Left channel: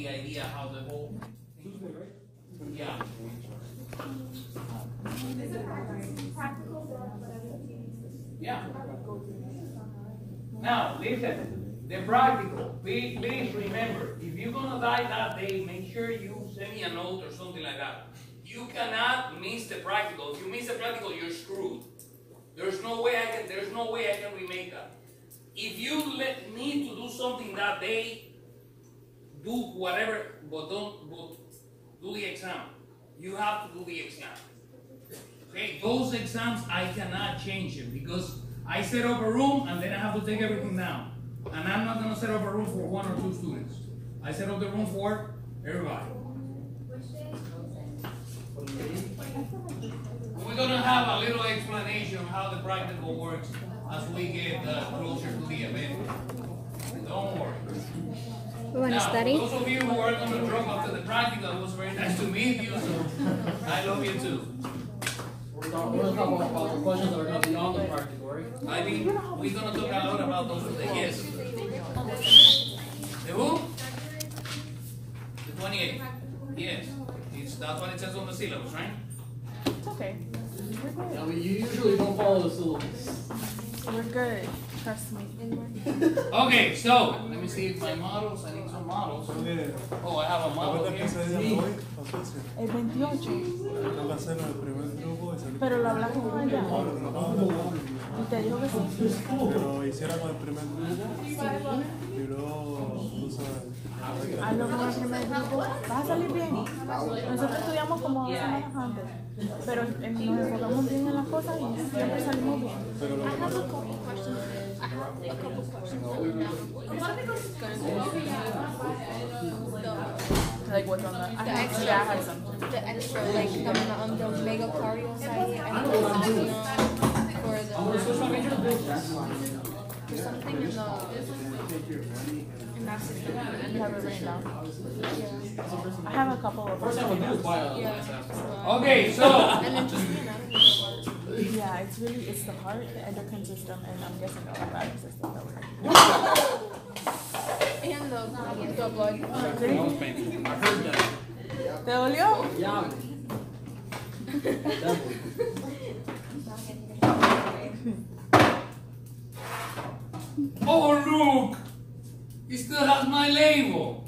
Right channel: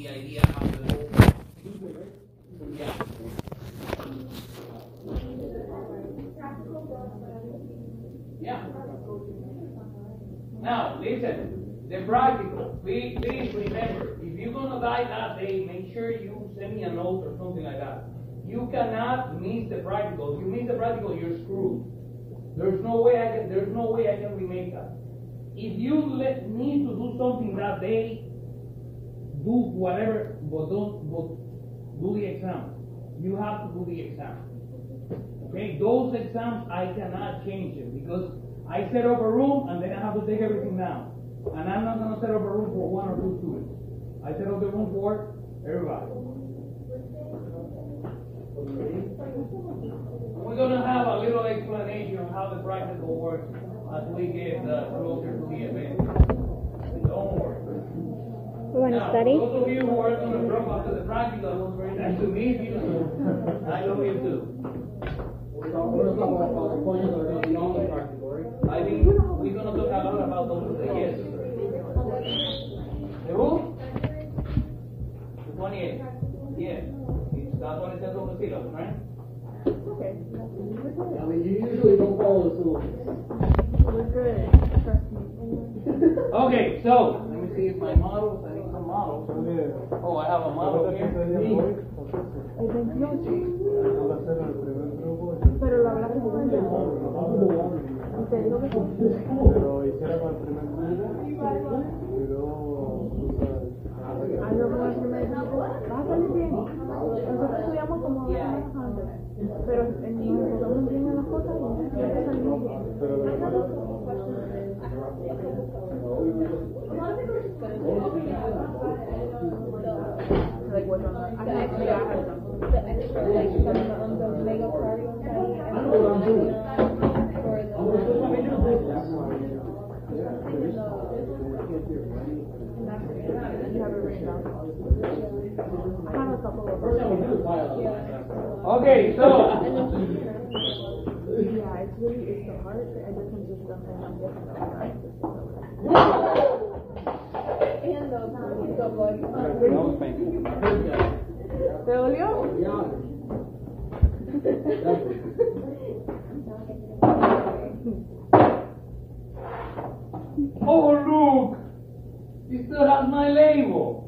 the idea how the whole. Yeah. Yeah. Now, listen, the practical, please remember, if you're gonna die that day, make sure you send me a note or something like that. You cannot miss the practical. If you miss the practical, you're screwed. There's no way I can remake that. If you need to do something that day, do whatever, but do the exam. You have to do the exam. Okay, those exams I cannot change it because I set up a room and then I have to take everything down. And I'm not gonna set up a room for 1 or 2 students. I set up the room for everybody. We're gonna have a little explanation of how the practical works as we get closer to the event. Don't worry. We want to study? Those of you who are going to drop after the practical, it was very nice to meet you. So I love you too. We're going to talk about the questions that are going to be on the practical, right? I mean, we're going to talk a lot about those today. Yes. The who? The 28. Yes. That's what it says on the syllabus, right? It's okay. I mean, you usually don't follow the syllabus. We're good. Trust me. Okay, so let me see if my models. I need some models. Oh, I have a model here. El 28. Pero lo hablamos con ella. Y te dijo que sí. Pero hiciera con el primer grupo. A lo mejor el primer grupo va a salir bien. Nosotros estudiamos como 2 semanas antes. Pero nos enfocamos bien en las cosas y siempre salimos bien. Like what? The extra, like the mega cardio side, or something in I have a couple of Okay, so yeah, it's the heart, the endocrine system, and I'm guessing the lymphatic system. And the blood. ¿Te dolió? oh look, it still has my label.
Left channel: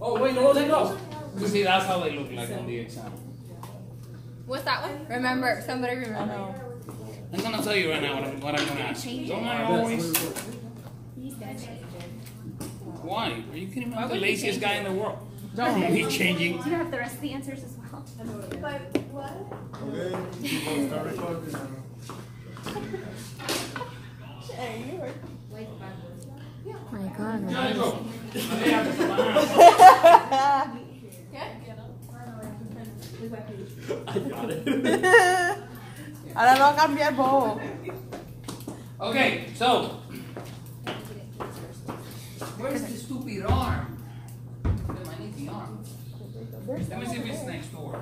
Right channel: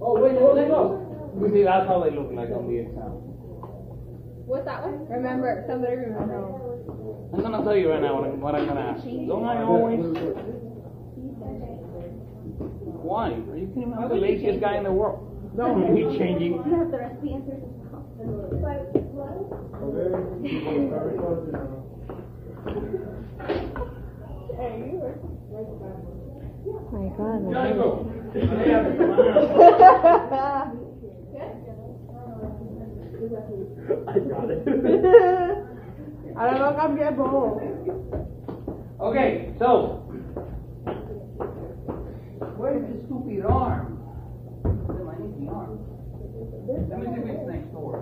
Oh, wait, no, take it off. You see, that's how they look like on the exam. What's that one? Remember. Somebody remember. I'm gonna tell you right now what I'm gonna ask. Don't I always? Why? Are you kidding me? I'm the laziest guy in the world. Don't be changing. Do you have the rest of the answers as well? Okay, people start recording now. My God. Ya, go. Ahora lo va a cambiar vos. Okay, so where's the stupid arm? I need the arm. Let me see if it's next door.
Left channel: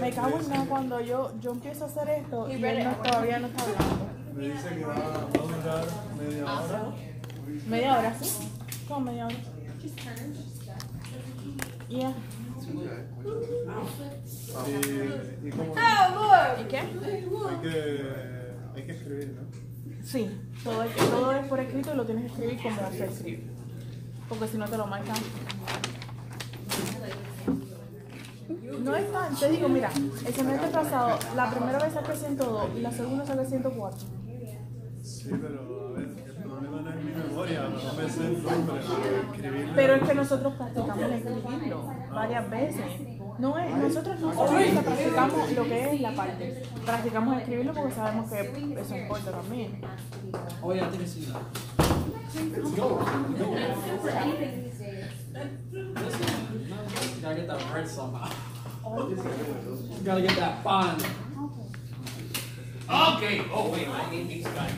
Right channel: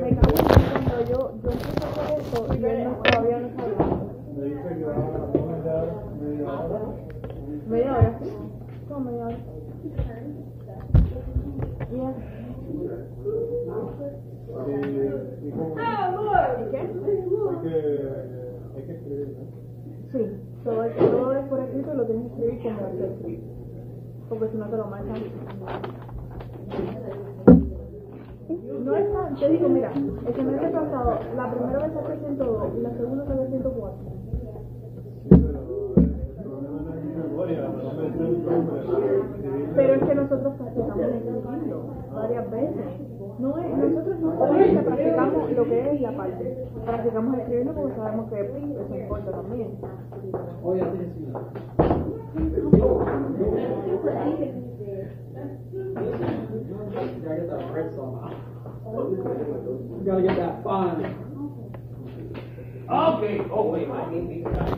Me cago en cuando yo empiezo a hacer esto y él todavía no está hablando. Me dice que va a durar media hora. ¿Media hora? ¿Sí? ¿Cómo media hora? Yeah. ¿Y cómo? ¿Y qué? Hay que escribir, ¿no? Sí, todo es por escrito y lo tienes que escribir como está escrito. Porque si no te lo marcan. No es tan, te digo, mira, el semestre pasado, la primera vez saqué 102 y la segunda saqué 104. Sí, pero a ver, el problema no es mi memoria, no me sé el nombre para escribirlo. Pero es que nosotros practicamos el escribirlo varias veces. No es, nosotros no solamente practicamos lo que es la parte, practicamos escribirlo porque sabemos que eso importa también. Oh, yeah, I think I see that. You gotta get that bread somehow. You gotta get that pan. Okay. Oh wait, I need these guys.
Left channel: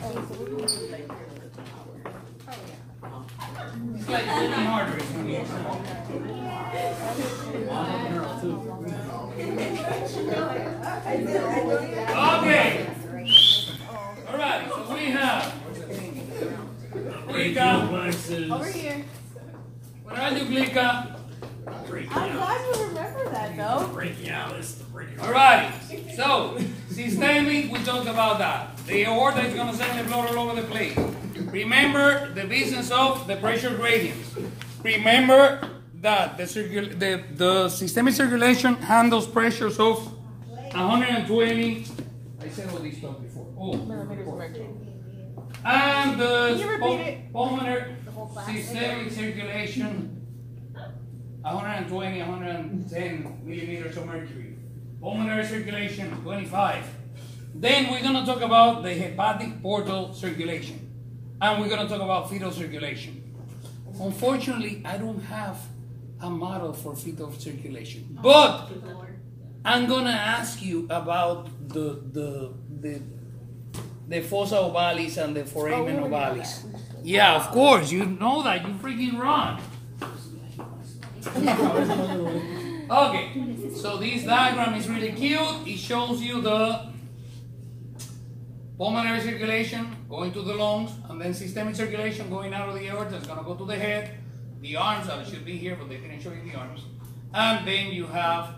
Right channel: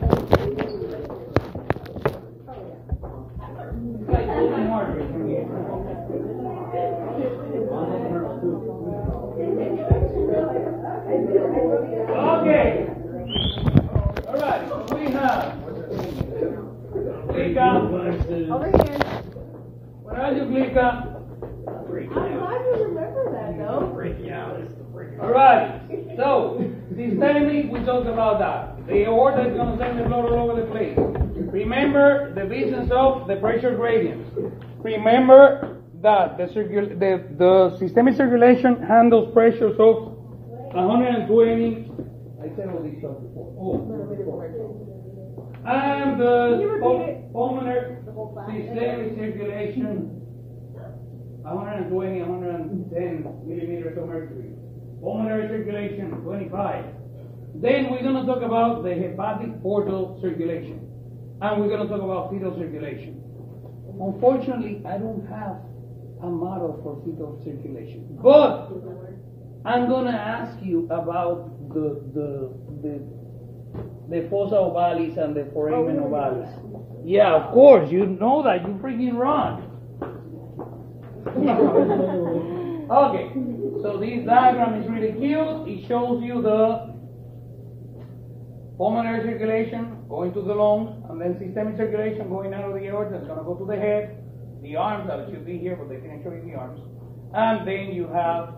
It's like really harder for me. Okay. All right. So we have Glica? Over here. Where are you, Glica? I'm glad you remember that, though. Alright, so systemic, we talked about that. The aorta is going to send the blood all over the place. Remember the business of the pressure gradients. Remember that the systemic circulation handles pressures of 120. I said all this stuff before. And the pulmonary systemic circulation, 120, 110 millimeters of mercury. Pulmonary circulation, 25. Then we're going to talk about the hepatic portal circulation. And we're going to talk about fetal circulation. Unfortunately, I don't have a model for fetal circulation. But I'm going to ask you about the fossa ovalis and the foramen ovalis. Yeah, of course, you know that. You freaking run. Okay, so this diagram is really cute. It shows you the pulmonary circulation going to the lungs, and then systemic circulation going out of the aorta. It's going to go to the head, the arms, that should be here, but they didn't show you the arms. And then you have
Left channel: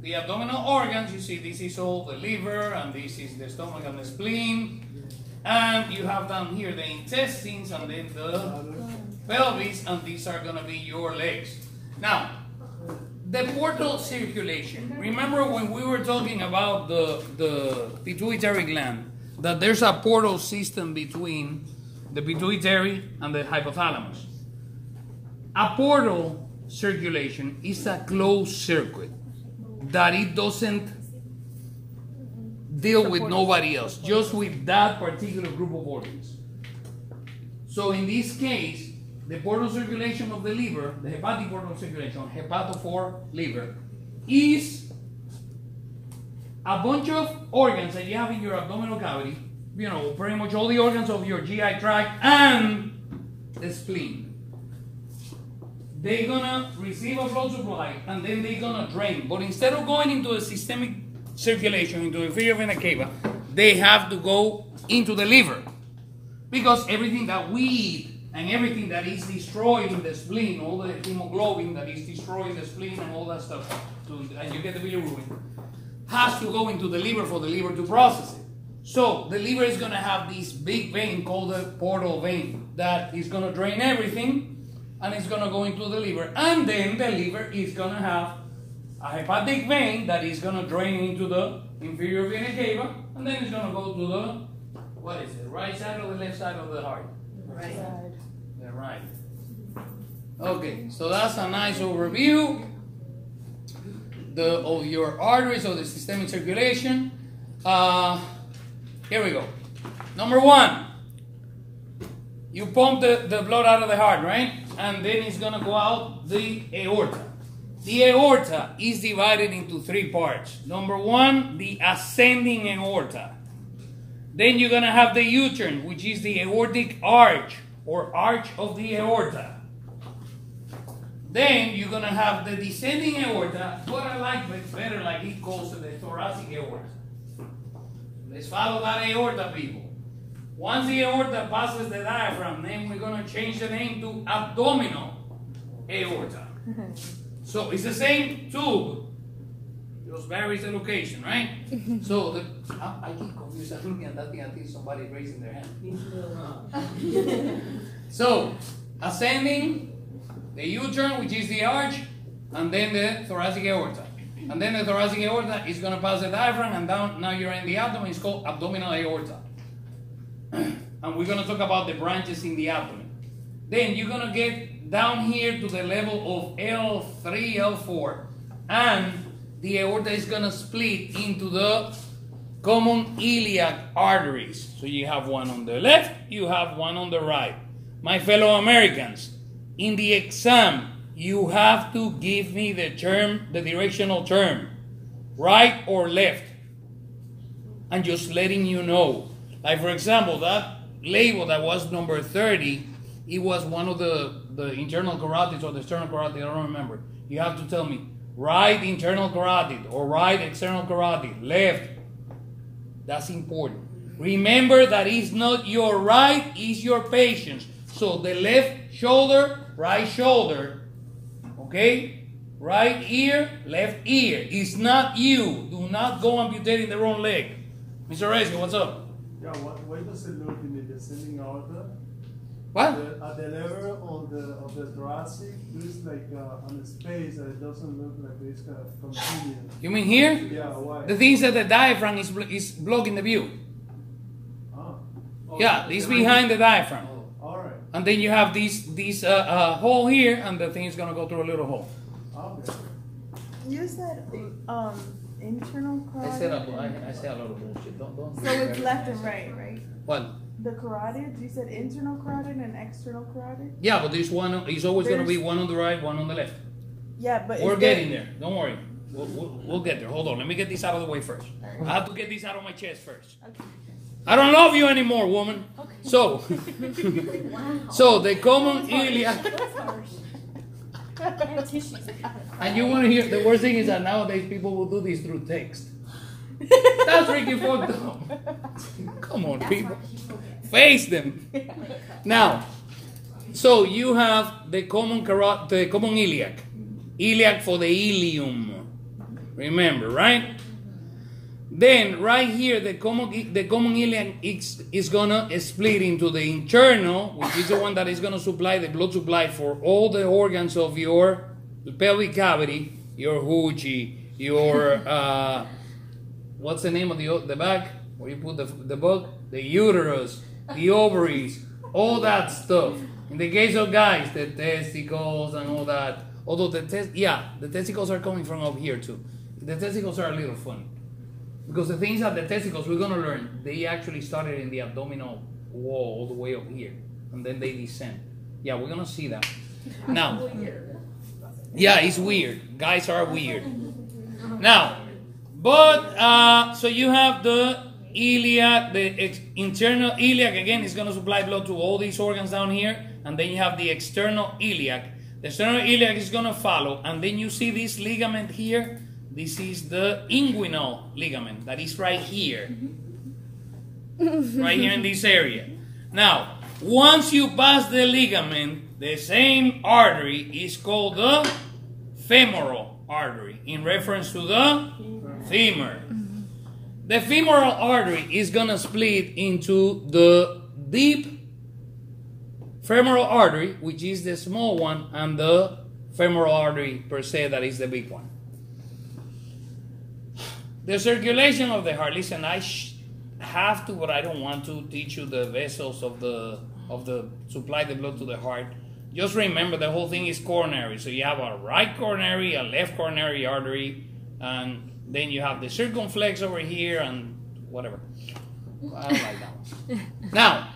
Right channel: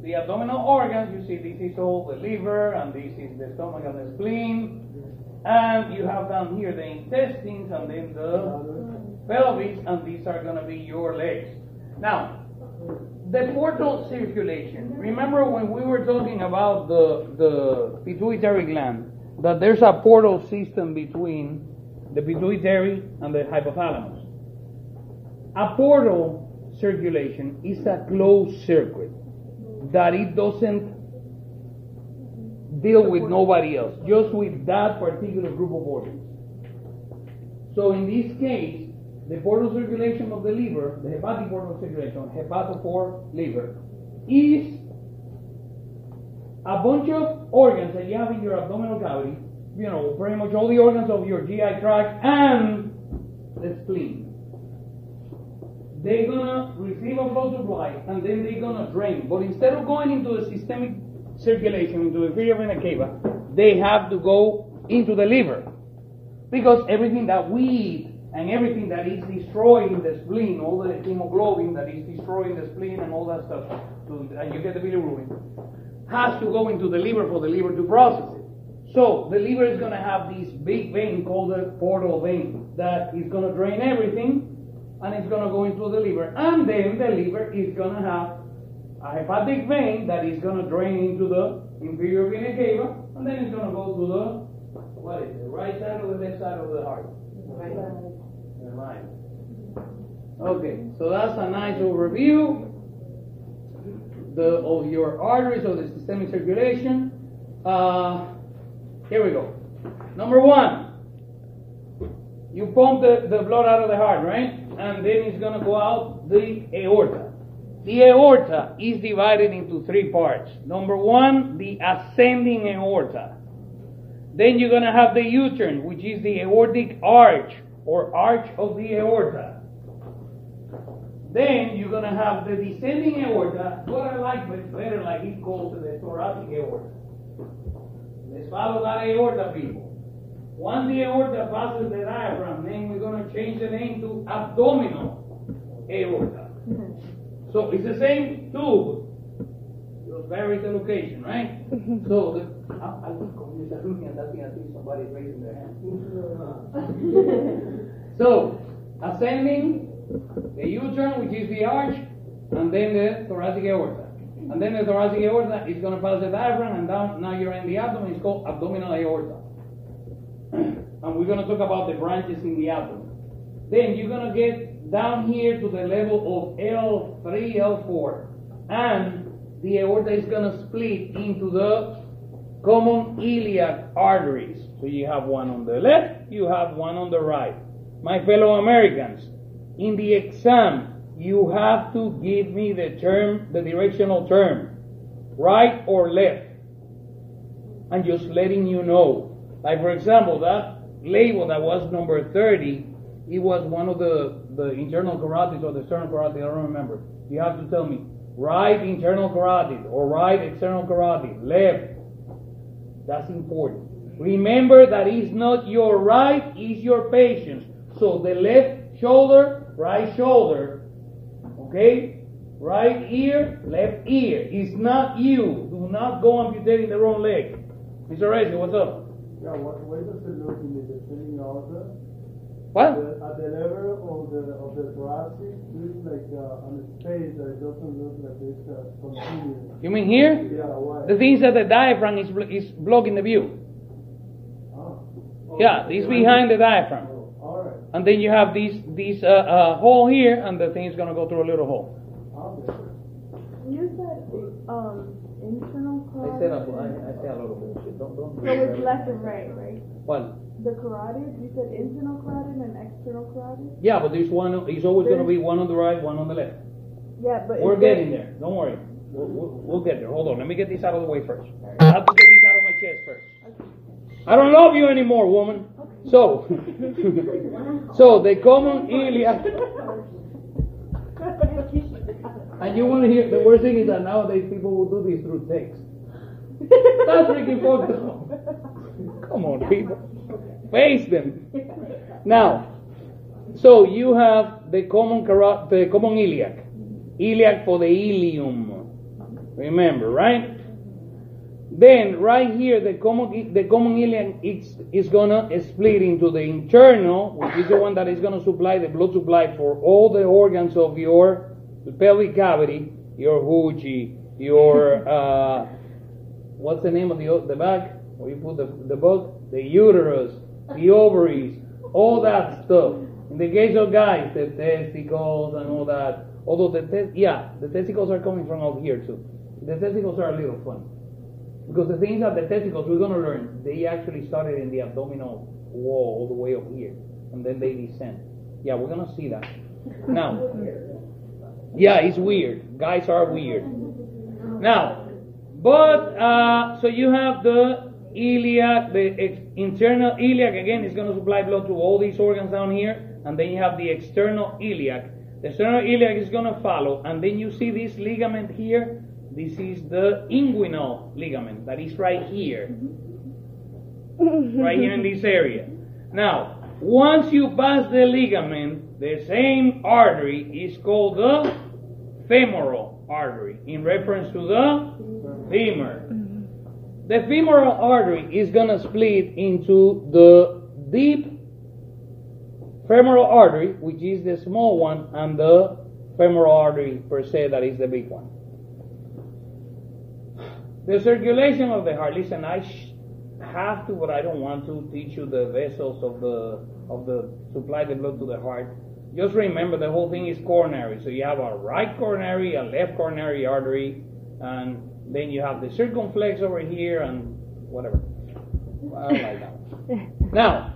the abdominal organs. You see, this is all the liver, and this is the stomach and the spleen. And you have down here the intestines, and then the pelvis, and these are going to be your legs. Now, the portal circulation. Remember when we were talking about the pituitary gland, that there's a portal system between the pituitary and the hypothalamus. A portal circulation is a closed circuit that it doesn't deal with nobody else, just with that particular group of organs. So in this case, the portal circulation of the liver, the hepatic portal circulation, hepatophore liver, is a bunch of organs that you have in your abdominal cavity, you know, pretty much all the organs of your GI tract and the spleen. They're gonna receive a blood supply and then they're gonna drain. But instead of going into the systemic circulation, into the inferior vena cava, they have to go into the liver. Because everything that we eat and everything that is destroying the spleen, all the hemoglobin that is destroying the spleen and all that stuff, and you get the bilirubin, has to go into the liver for the liver to process it. So the liver is going to have this big vein called the portal vein that is going to drain everything, and it's going to go into the liver. And then the liver is going to have a hepatic vein that is going to drain into the inferior vena cava, and then it's going to go to the, what is it, right side or the left side of the heart? Right. The right. Okay, so that's a nice overview of your arteries, of the systemic circulation. Here we go. Number one, you pump the blood out of the heart, right? And then it's going to go out the aorta. The aorta is divided into three parts. Number one, the ascending aorta. Then you're going to have the uterine, which is the aortic arch, or arch of the aorta. Then you're going to have the descending aorta, what I like better, like he calls it, the thoracic aorta. Let's follow that aorta, people. Once the aorta passes the diaphragm, then we're going to change the name to abdominal aorta. So it's the same tube, just varies the location, right? So I keep confused. I'm looking at that thing until somebody raising their hand. So ascending, the uterine, which is the arch, and then the thoracic aorta. And then the thoracic aorta is going to pass the diaphragm and down. Now you're in the abdomen. It's called abdominal aorta. And we're going to talk about the branches in the abdomen. Then you're going to get down here to the level of L3, L4. And the aorta is going to split into the common iliac arteries. So you have one on the left, you have one on the right. My fellow Americans, in the exam, you have to give me the term, the directional term, right or left. And just letting you know. Like for example, that label that was number 30, it was one of the internal carotids or the external carotid, I don't remember. You have to tell me, right internal carotid or right external carotid, left. That's important. Remember that it's not your right, it's your patient's. So the left shoulder, right shoulder, okay? Right ear, left ear. It's not you. Do not go amputating the wrong leg. Mr. Reyes, what's up? Yeah, why does it look in the descending order? What? At the level of the thoracic, there's like on the space that it doesn't look like it's continuous. You mean here? Yeah, why? The thing is that the diaphragm is blocking the view. Oh, Yeah, it's behind the diaphragm. all right. And then you have this hole here, and the thing is gonna go through a little hole. Okay. You said internal carotid. I say a lot of bullshit. Don't. So it's left and right, right? What? The carotid, you said internal carotid and external carotid? Yeah, but there's one. It's always gonna be one on the right, one on the left. Yeah, but We're getting there. Don't worry. We'll get there. Hold on. Let me get this out of the way first. I have to get this out of my chest first. I don't love you anymore, woman. So, so the common iliac. And you want to hear the worst thing is that nowadays people will do this through text. That's freaking fucked up. Come on, people. Face them. Now, so you have the common iliac. Iliac for the ilium. Remember, right? Then right here, the common iliac is gonna split into the internal, which is the one that is gonna supply the blood supply for all the organs of your pelvic cavity, your hoochie, your what's the name of the back where you put the bug, the uterus, the ovaries, all that stuff. In the case of guys, the testicles and all that. Although the testicles are coming from up here too. The testicles are a little funny. Because the things that the testicles, we're going to learn, they actually started in the abdominal wall all the way up here. And then they descend. Yeah, we're going to see that. Now, yeah, it's weird. Guys are weird. Now, but, so you have the iliac, the internal iliac, again, is going to supply blood to all these organs down here. And then you have the external iliac. The external iliac is going to follow. And then you see this ligament here. This is the inguinal ligament that is right here. Right here in this area. Now, once you pass the ligament, the same artery is called the femoral artery in reference to the femur. The femoral artery is going to split into the deep femoral artery, which is the small one, and the femoral artery per se, that is the big one. The circulation of the heart. Listen, I have to, but I don't want to teach you the vessels of the supply the blood to the heart. Just remember the whole thing is coronary. So you have a right coronary, a left coronary artery, and then you have the circumflex over here and whatever. I don't like that one. Now,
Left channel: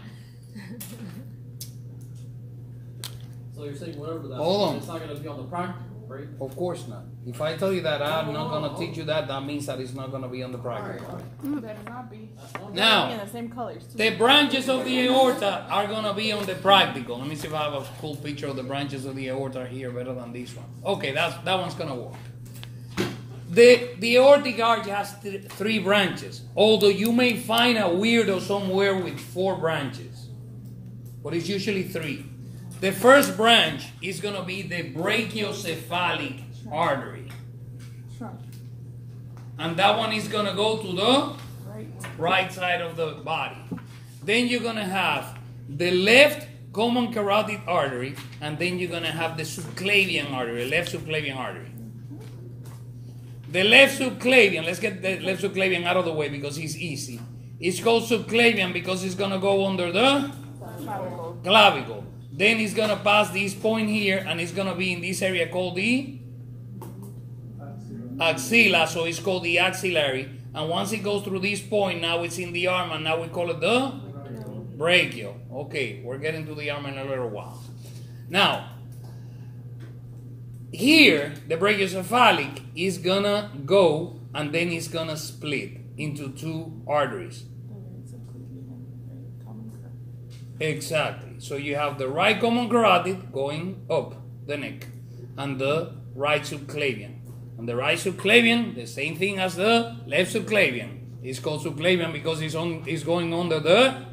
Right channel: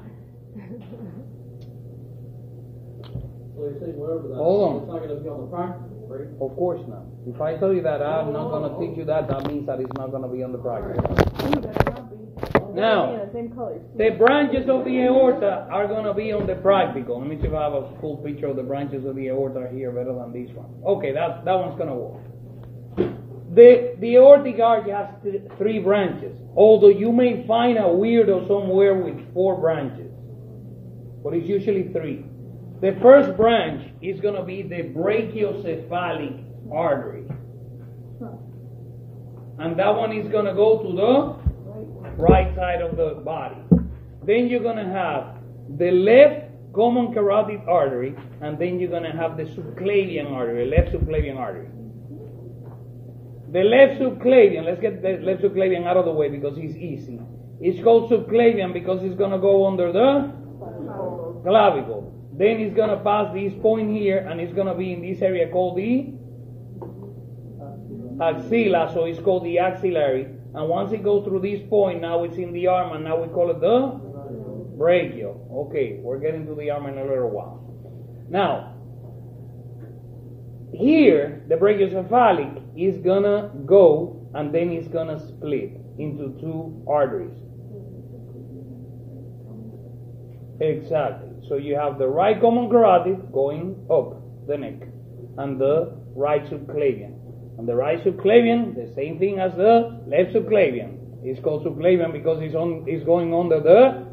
So you're saying whatever that hold on. It's not going to be on the practical, right? Of course not. If I tell you that I'm not going to teach you that, that means that it's not going to be on the practical. Ooh, better not be. Now, In the same colors too. the branches of the aorta are going to be on the practical. Let me see if I have a cool picture of the branches of the aorta here better than this one. Okay, that one's going to work. The aortic arch has three branches, although you may find a weirdo somewhere with 4 branches, but it's usually 3. The first branch is going to be the brachiocephalic artery. And that one is going to go to the right side of the body. Then you're going to have the left common carotid artery, and then you're going to have the subclavian artery, left subclavian artery. The left subclavian, let's get the left subclavian out of the way because it's easy. It's called subclavian because it's going to go under the clavicle. Then it's going to pass this point here, and it's going to be in this area called the axilla, so it's called the axillary. And once it goes through this point, now it's in the arm, and now we call it the brachial. Okay, we're getting to the arm in a little while. Now, here, the brachiocephalic is gonna go, and then it's gonna split into 2 arteries. Exactly. So you have the right common carotid going up the neck, and the right subclavian. And the right subclavian, the same thing as the left subclavian. It's called subclavian because it's going under the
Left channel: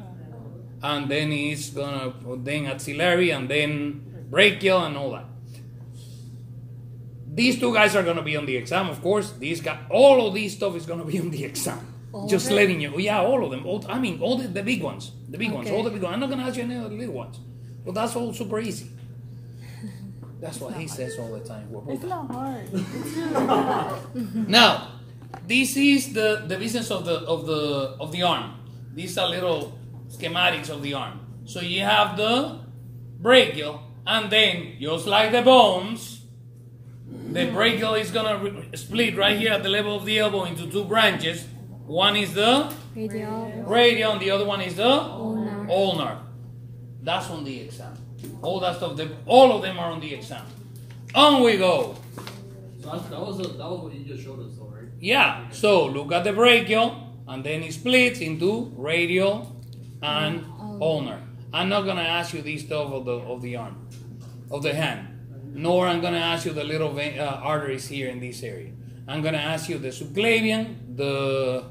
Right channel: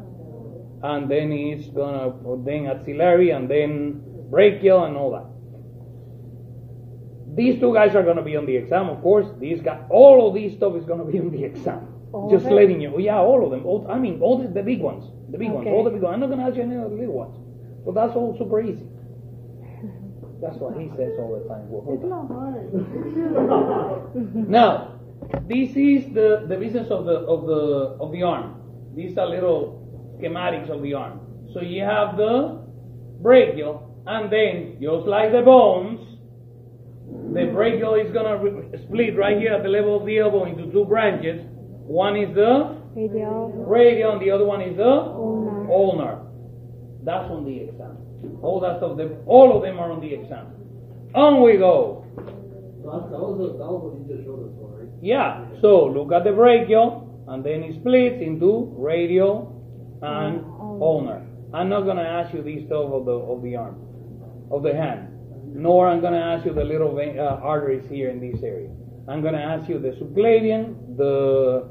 and then it's gonna, then axillary, and then brachial, and all that. These two guys are gonna be on the exam, of course. These guys, all of these stuff is gonna be on the exam. Just letting you, yeah, all of them. All the big ones, all the big ones. I'm not gonna ask you any of the little ones, but that's all super easy. That's what he says all the time. It's not hard. Now, this is the business of the arm. These are little schematics of the arm. So you have the brachial, and then just like the bones, the brachial is gonna split right here at the level of the elbow into two branches. One is the radial, and the other one is the ulnar. That's on the exam. All that stuff, all of them are on the exam. On we go. So that was what you just showed us, though, right? Yeah. So look at the brachial, and then it splits into radial and ulnar. I'm not gonna ask you this stuff of the arm, of the hand, nor I'm gonna ask you the little arteries here in this area. I'm gonna ask you the subclavian, the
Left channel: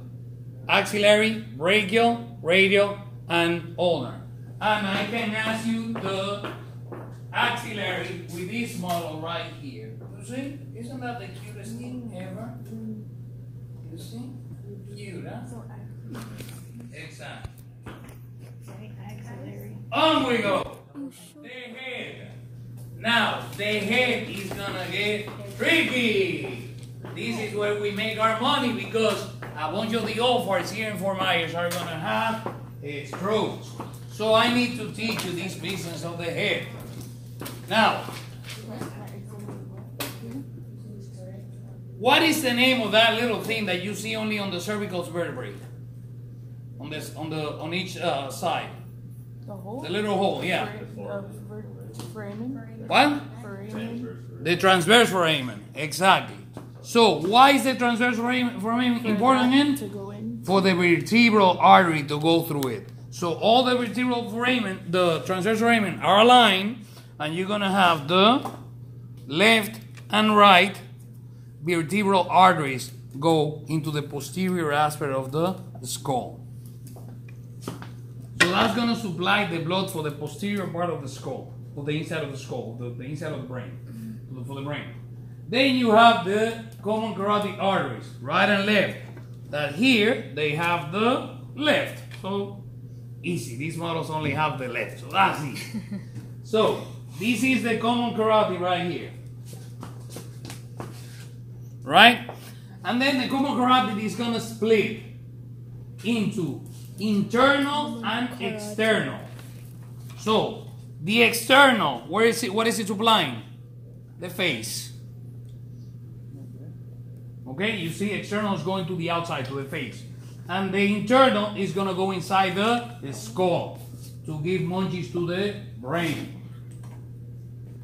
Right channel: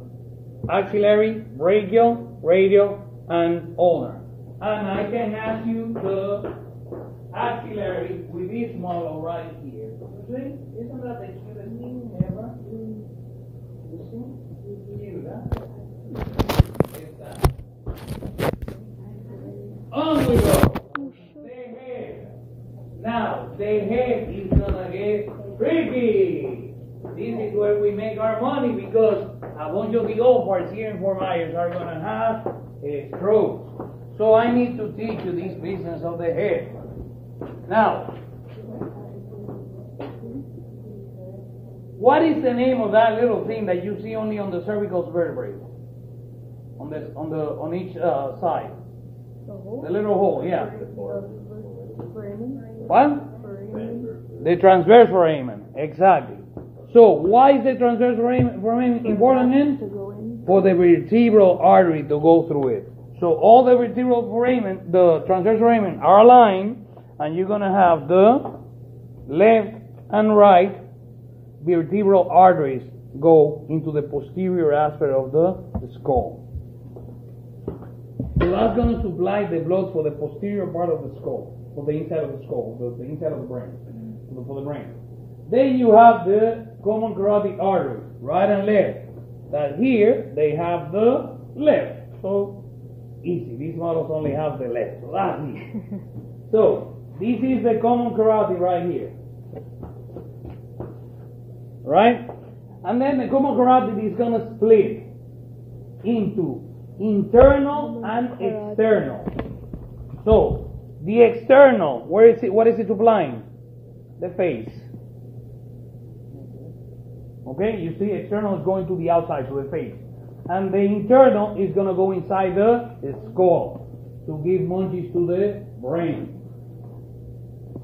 axillary, brachial, radial, and ulnar. And I can ask you the axillary with this model right here. You see? Isn't that the cutest thing ever? You see? Cute, huh? Exactly. On we go. The head. Now, the head is gonna get tricky. This is where we make our money, because a bunch of the old farts here in Fort Myers are gonna have strokes. So I need to teach you this business of the head. Now, what is the name of that little thing that you see only on the cervical vertebrae? On each side. The little hole, yeah. What? The transverse foramen, exactly. So why is the transverse foramen important again? For the vertebral artery to go through it. So all the vertebral foramen, the transverse foramen, are aligned, and you're gonna have the left and right vertebral arteries go into the posterior aspect of the skull. So that's gonna supply the blood for the posterior part of the skull, for the inside of the skull, the inside of the brain, for the brain. Then you have the common carotid arteries, right and left. That here they have the left. So easy. These models only have the left, so that's easy. So this is the common carotid right here, right? And then the common carotid is gonna split into internal and external. So the external, where is it? What is it supplying? The face. Okay, you see, external is going to the outside, to the face. And the internal is going to go inside the skull to give munchies to the brain.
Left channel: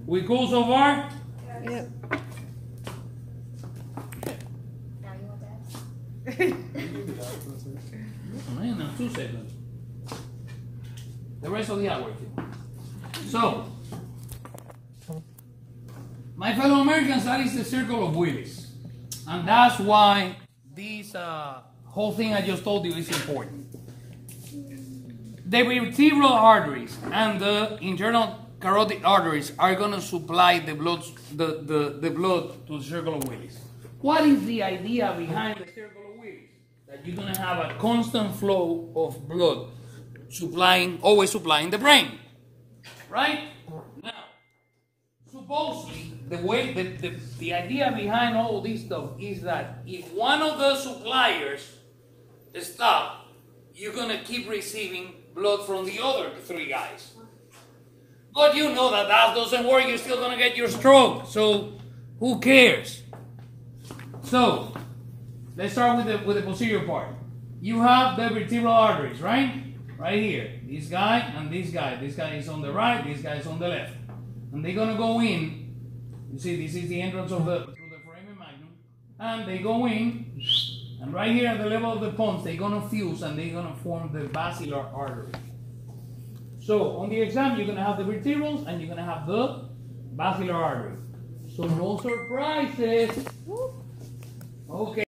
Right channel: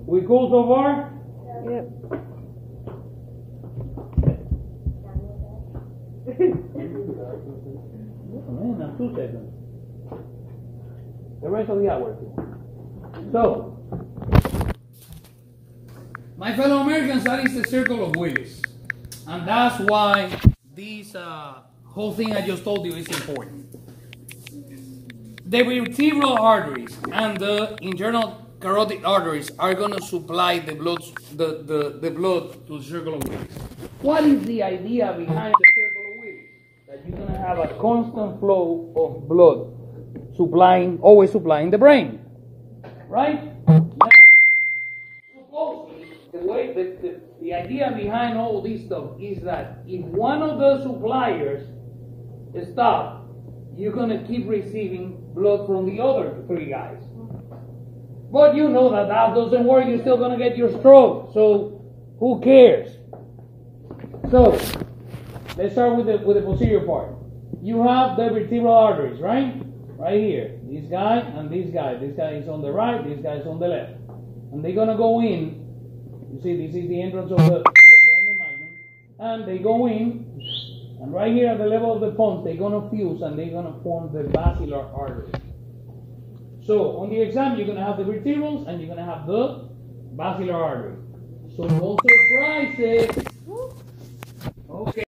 We cool so far? Yep. Man, now 2 seconds. The rest of the hour. So, my fellow Americans, that is the circle of Willis. And that's why this whole thing I just told you is important. The vertebral arteries and the internal carotid arteries are going to supply the blood, the blood to the circle of Willis. What is the idea behind the circle of Willis? That you're going to have a constant flow of blood always supplying the brain. Right? Now, supposedly, the idea behind all this stuff is that if one of the suppliers stops, you're going to keep receiving blood from the other 3 guys. But you know that doesn't work. You're still going to get your stroke. So who cares? So let's start with the posterior part. You have the vertebral arteries, right? Right here. This guy and this guy. This guy is on the right. This guy is on the left. And they're going to go in. You see, this is the entrance of the foramen magnum. And they go in. And right here at the level of the pons, they're going to fuse and they're going to form the basilar artery. So on the exam, you're going to have the vertebrals and you're going to have the basilar artery. So no surprises. Okay.